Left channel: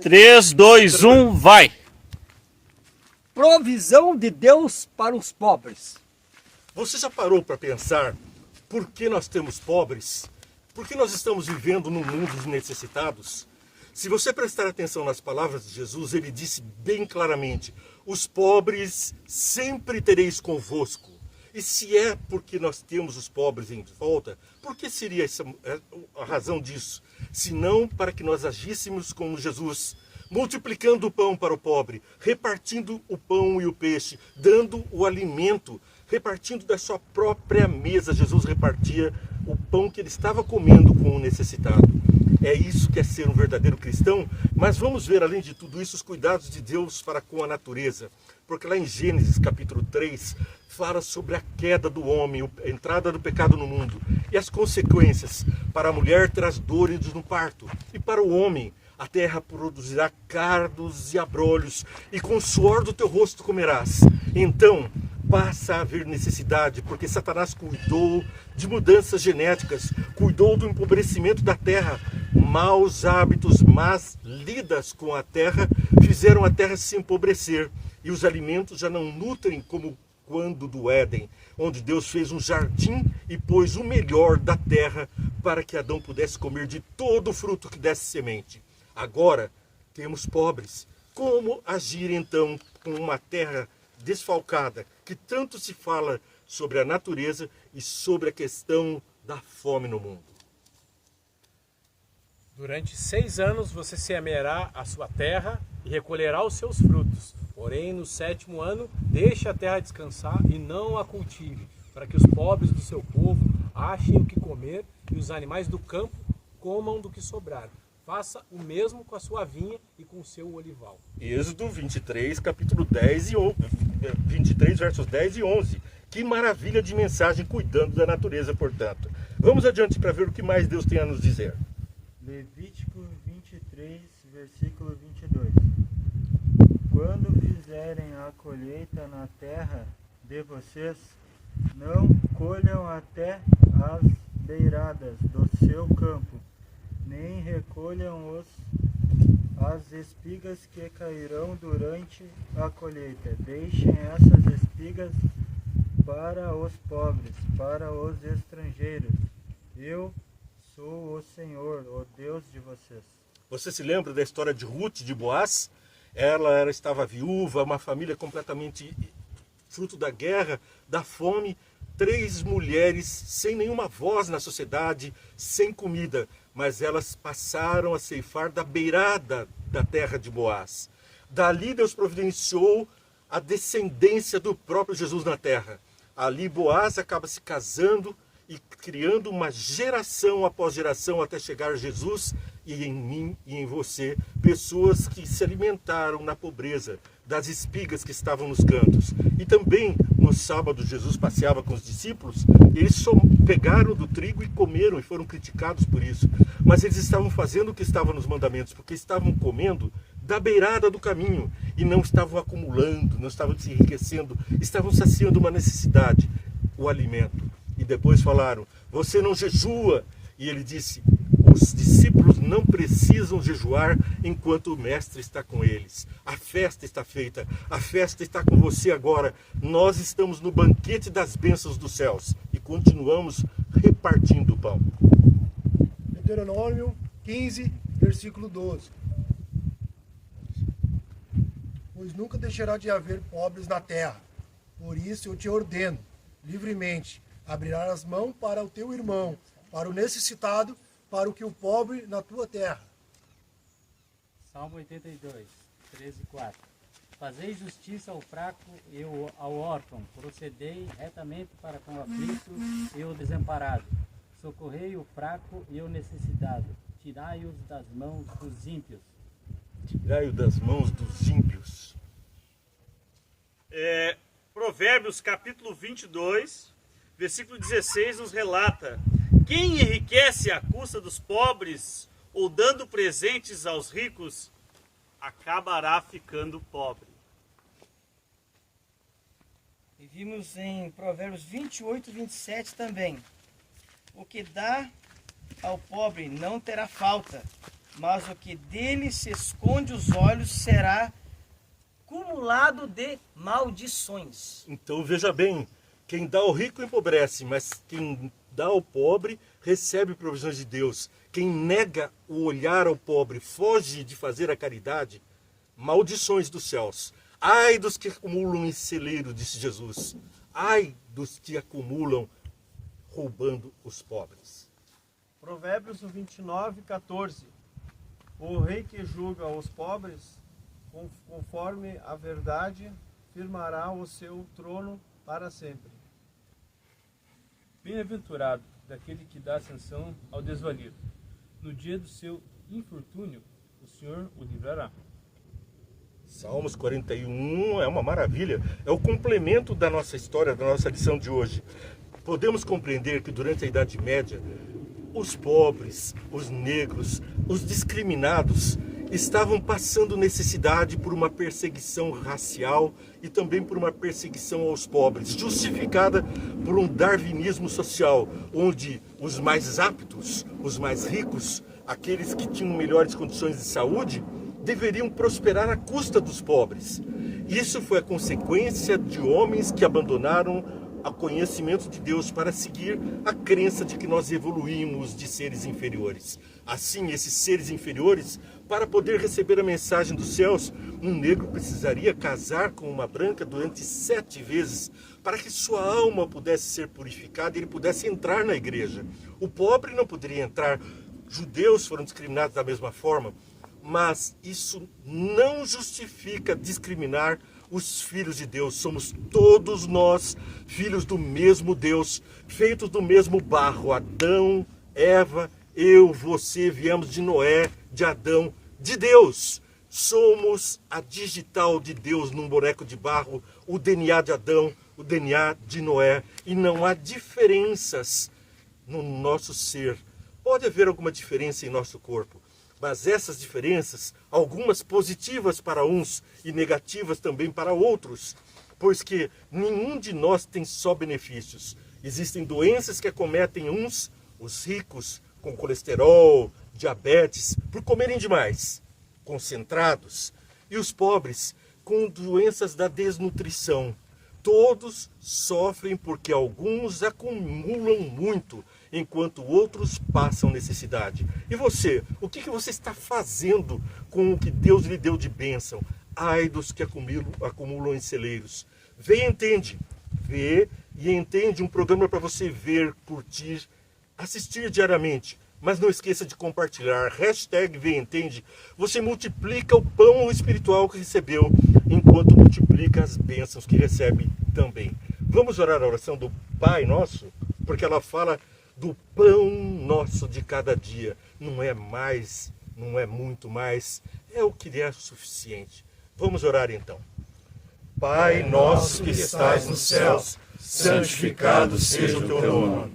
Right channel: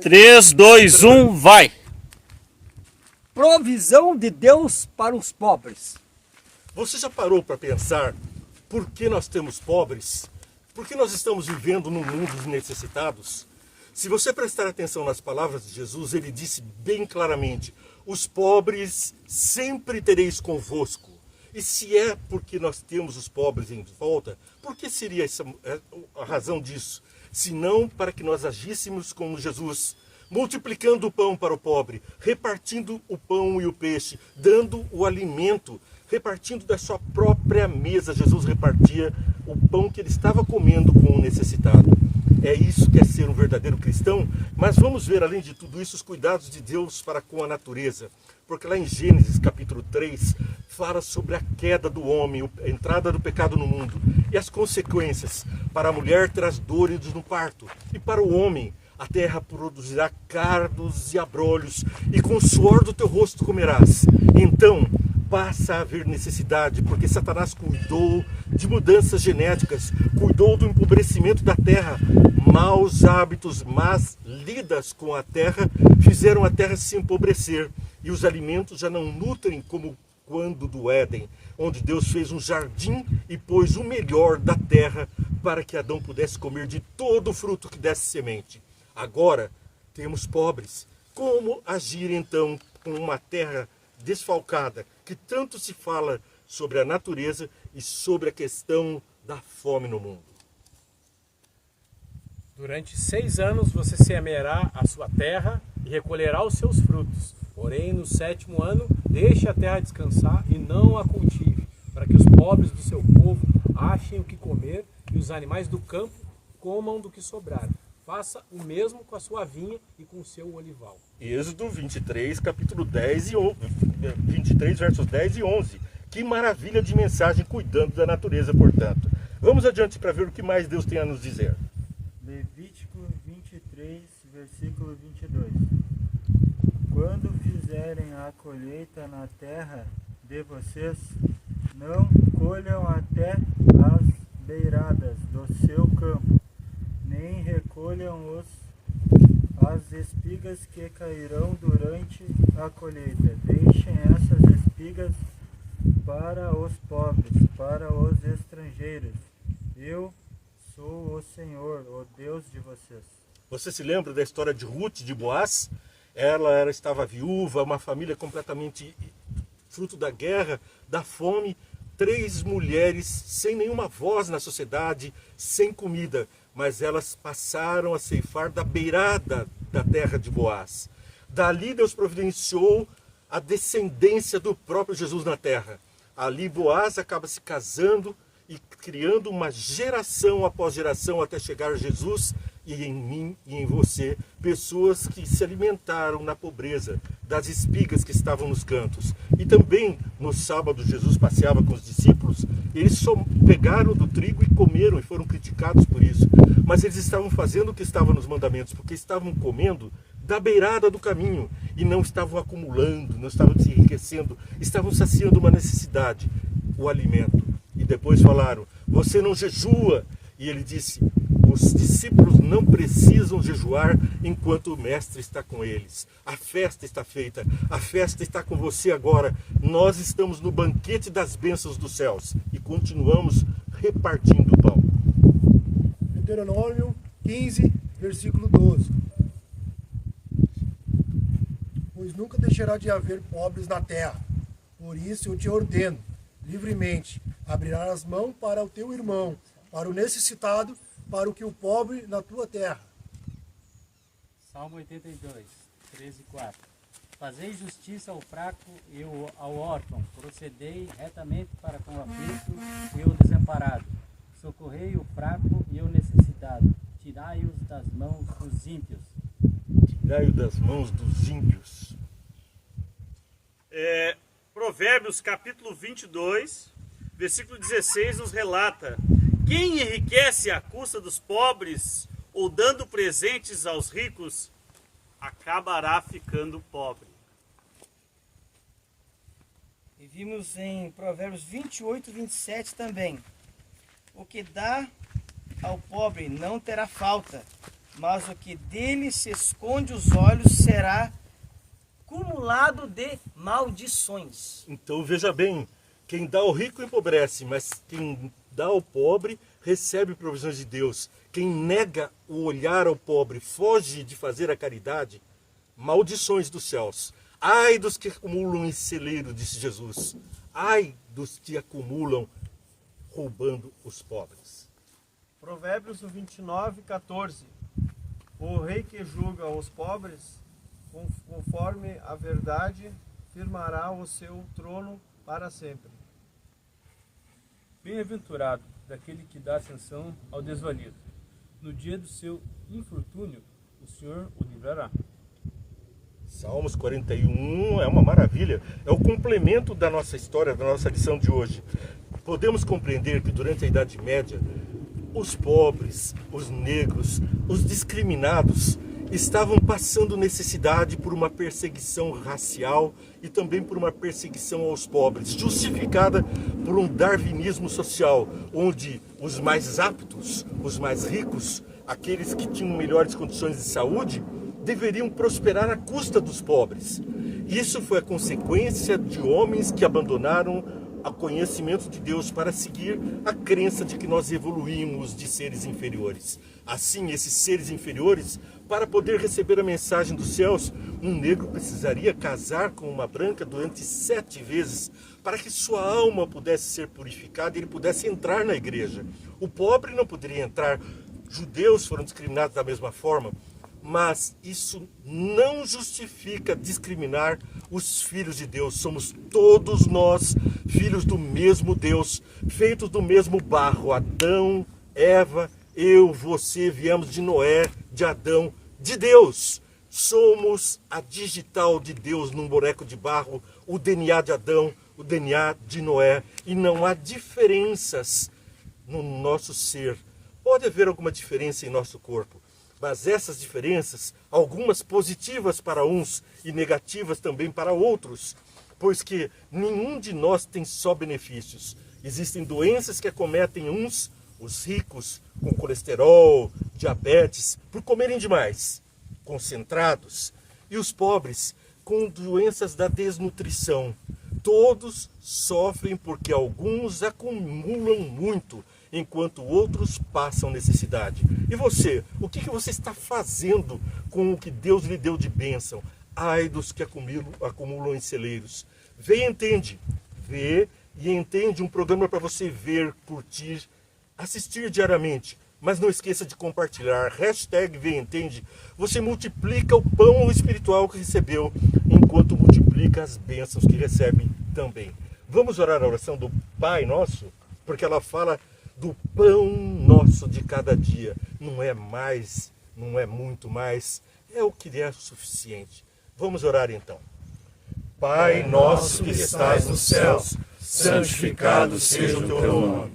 3, 2, 1, vai! Provisão de Deus para os pobres. Você já parou para pensar por que nós temos pobres? Por que nós estamos vivendo num mundo de necessitados? Se você prestar atenção nas palavras de Jesus, ele disse bem claramente: os pobres sempre tereis convosco. E se é porque nós temos os pobres em volta, por que seria a razão disso? Se não para que nós agíssemos como Jesus, multiplicando o pão para o pobre, repartindo o pão e o peixe, dando o alimento, repartindo da sua própria mesa. Jesus repartia o pão que ele estava comendo com o necessitado. É isso que é ser um verdadeiro cristão, mas vamos ver, além de tudo isso, os cuidados de Deus para com a natureza. Porque lá em Gênesis capítulo 3, fala sobre a queda do homem, a entrada do pecado no mundo e as consequências. Para a mulher traz dores no parto, e para o homem a terra produzirá cardos e abrolhos, e com o suor do teu rosto comerás. Então passa a haver necessidade, porque Satanás cuidou de mudanças genéticas, cuidou do empobrecimento da terra. Maus hábitos, más lidas com a terra, fizeram a terra se empobrecer, e os alimentos já não nutrem como quando do Éden, onde Deus fez um jardim e pôs o melhor da terra para que Adão pudesse comer de todo o fruto que desse semente. Agora temos pobres. Como agir então com uma terra desfalcada, que tanto se fala sobre a natureza e sobre a questão da fome no mundo? Durante 6 anos você semeará a sua terra e recolherá os seus frutos. Porém, no 7º ano, deixe a terra descansar e não a cultive, para que os pobres do seu povo achem o que comer e os animais do campo comam do que sobrar. Faça o mesmo com a sua vinha e com o seu olival. Êxodo 23, capítulo 10 e 11, 23, versos 10 e 11. Que maravilha de mensagem cuidando da natureza, portanto. Vamos adiante para ver o que mais Deus tem a nos dizer. Levítico 23, versículo 22. Quando fizerem a colheita na terra de vocês, não colham até as beiradas do seu campo, nem recolham as espigas que cairão durante a colheita. Deixem essas espigas para os pobres, para os estrangeiros. Eu sou o Senhor, o Deus de vocês. Você se lembra da história de Ruth, de Boaz? Ela estava viúva, uma família completamente fruto da guerra, da fome. 3 mulheres sem nenhuma voz na sociedade, sem comida. Mas elas passaram a ceifar da beirada da terra de Boaz. Dali Deus providenciou a descendência do próprio Jesus na terra. Ali Boaz acaba se casando e criando uma geração após geração até chegar a Jesus e em mim e em você, pessoas que se alimentaram na pobreza das espigas que estavam nos cantos. E também no sábado Jesus passeava com os discípulos, eles só pegaram do trigo e comeram e foram criticados por isso. Mas eles estavam fazendo o que estava nos mandamentos, porque estavam comendo da beirada do caminho e não estavam acumulando, não estavam se enriquecendo, estavam saciando uma necessidade, o alimento. E depois falaram, você não jejua. E ele disse, os discípulos não precisam jejuar enquanto o mestre está com eles. A festa está feita, a festa está com você agora. Nós estamos no banquete das bênçãos dos céus e continuamos repartindo o pão. Deuteronômio 15, versículo 12. Pois nunca deixará de haver pobres na terra. Por isso eu te ordeno, livremente, abrirás as mãos para o teu irmão, para o necessitado, para o que o pobre na tua terra. Salmo 82, 13 e 4. Fazei justiça ao fraco e ao órfão, procedei retamente para com o aflito e o desamparado. Socorrei o fraco e o necessitado, tirai-os das mãos dos ímpios. Tirai-os das mãos dos ímpios. Provérbios capítulo 22, versículo 16 nos relata: quem enriquece à custa dos pobres ou dando presentes aos ricos, acabará ficando pobre. E vimos em Provérbios 28, 27 também. O que dá ao pobre não terá falta, mas o que dele se esconde os olhos será cumulado de maldições. Então veja bem, quem dá ao rico empobrece, mas quem dá ao pobre recebe provisões de Deus. Quem nega o olhar ao pobre, foge de fazer a caridade, maldições dos céus. Ai dos que acumulam em celeiro, disse Jesus. Ai dos que acumulam roubando os pobres. Provérbios 29, 14. O rei que julga os pobres, conforme a verdade, firmará o seu trono para sempre. Bem-aventurado daquele que dá atenção ao desvalido. No dia do seu infortúnio, o Senhor o livrará. Salmos 41 é uma maravilha. É o complemento da nossa história, da nossa lição de hoje. Podemos compreender que durante a Idade Média, os pobres, os negros, os discriminados estavam passando necessidade por uma perseguição racial e também por uma perseguição aos pobres, justificada por um darwinismo social, onde os mais aptos, os mais ricos, aqueles que tinham melhores condições de saúde, deveriam prosperar à custa dos pobres. Isso foi a consequência de homens que abandonaram o conhecimento de Deus para seguir a crença de que nós evoluímos de seres inferiores. Assim, esses seres inferiores, para poder receber a mensagem dos céus, um negro precisaria casar com uma branca durante 7 vezes para que sua alma pudesse ser purificada e ele pudesse entrar na igreja. O pobre não poderia entrar. Judeus foram discriminados da mesma forma, mas isso não justifica discriminar os filhos de Deus. Somos todos nós filhos do mesmo Deus, feitos do mesmo barro. Adão, Eva, eu, você, viemos de Noé, de Adão, de Deus. Somos a digital de Deus num boneco de barro, o DNA de Adão, o DNA de Noé. E não há diferenças no nosso ser. Pode haver alguma diferença em nosso corpo, mas essas diferenças, algumas positivas para uns e negativas também para outros, pois que nenhum de nós tem só benefícios. Existem doenças que acometem uns, os ricos, com colesterol, diabetes, por comerem demais, concentrados, e os pobres com doenças da desnutrição. Todos sofrem porque alguns acumulam muito, enquanto outros passam necessidade. E você? O que você está fazendo com o que Deus lhe deu de bênção? Ai dos que acumulam em celeiros. Vê e entende. Vê e entende, um programa para você ver, curtir, assistir diariamente. Mas não esqueça de compartilhar. #Vê e entende. Você multiplica o pão espiritual que recebeu, enquanto multiplica as bênçãos que recebe também. Vamos orar a oração do Pai Nosso? Porque ela fala do pão nosso de cada dia. Não é mais, não é muito mais, é o que é suficiente. Vamos orar então. Pai nosso que estais nos céus, santificado seja o teu nome.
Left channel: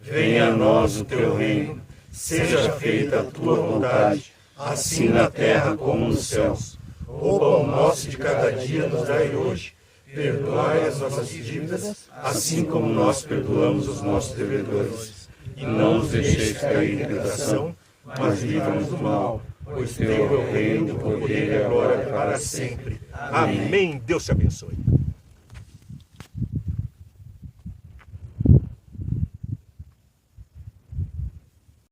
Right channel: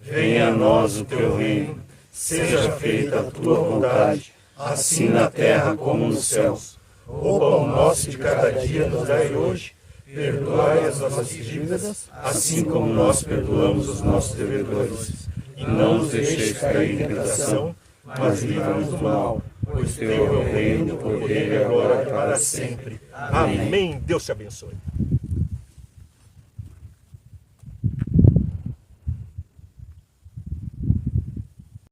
Venha a nós o teu reino. Seja feita a tua vontade, assim na terra como nos céus. O pão nosso de cada dia nos dai hoje. Perdoai as nossas dívidas, assim como nós perdoamos os nossos devedores. E não nos deixeis cair em tentação, mas livra-nos do mal, pois teu é o reino, o poder e a glória para sempre. Amém. Deus te abençoe.